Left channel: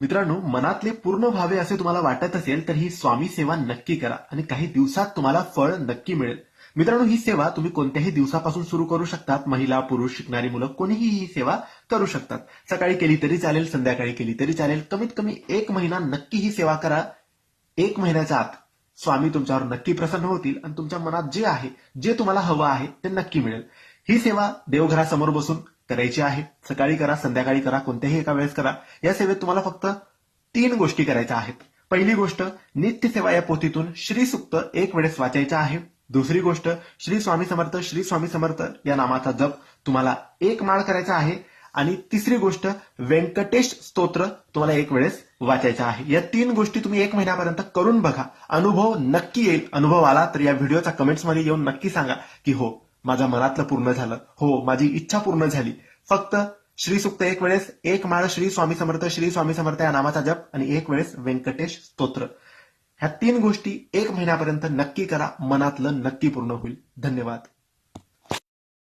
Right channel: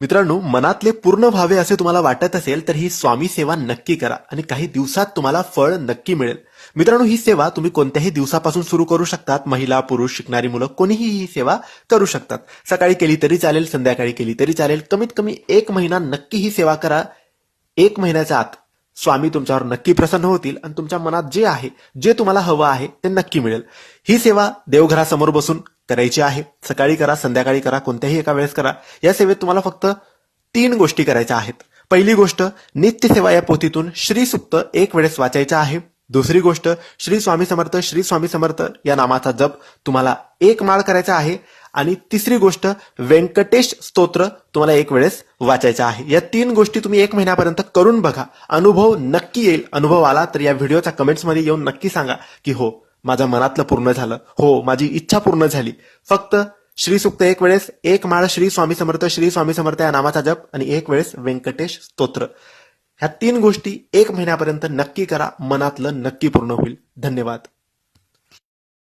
मित्रांनो, मनातले पूर्ण व्हावे असे तुम्हाला वाटत असेल तर ही स्वामी सेवा नक्की करा आणि काही दिवसात तुम्हाला फळ नक्की मिळेल. मित्रांनो, ही सेवा तुम्ही कोणत्याही दिवसापासून सुरू करू शकतात. महिला, पुरुष, शिकणारी मुलं कोणीही ही सेवा करू शकतात. सकाळी केली तरी चालेल, संध्याकाळी केली तरी चालेल. कमीत कमी 1 महिना नक्की ही सेवा करा. 1 महिन्याच्या आत स्वामी तुमच्यावर नक्की प्रसन्न होतील आणि तुमच्या मनात जे आहे, जे तुम्हाला हवं आहे ते नक्की मिळेल. ही सेवा देवघरासमोर बसून करायची आहे. सकाळी करा, संध्याकाळी करा, कोणत्याही एका वेळेस करा. या सेवेत तुम्हाला फक्त 3 गोष्टी करायच्या आहेत. पहिली गोष्ट, नित्यसेवा या पोथीतून श्रीसुक्त 1 वेळेस वाचायचं आहे. दुसरी गोष्ट, श्री स्वामी समर्थ, श्री स्वामी समर्थ या नामाचा जप तुम्हाला 1 माळ करायचा आहे. आणि तिसरी गोष्ट, व्यंकटेश स्तोत्र तुम्हाला 1 वेळेस वाचायचं आहे. या 3 गोष्टी तुम्ही 1 महिन्यापर्यंत करून बघा. अनुभव नक्की येईल. अनुभव आला तर या व्हिडिओच्या कमेंट्समध्ये येऊन नक्की सांगा की हो, माझ्या मनातलं पूर्ण झालं, हो माझी इच्छा पूर्ण झाली. फक्त श्रीसुक्त 1 वेळेस, 1 माळ श्री स्वामी समर्थ या नामाचा जप आणि 1 वेळेस व्यंकटेश स्तोत्र. ह्या 3 गोष्टी 1 महिन्यापर्यंत नक्की करा. मनातलं नक्की पूर्ण होईल. धन्यवाद.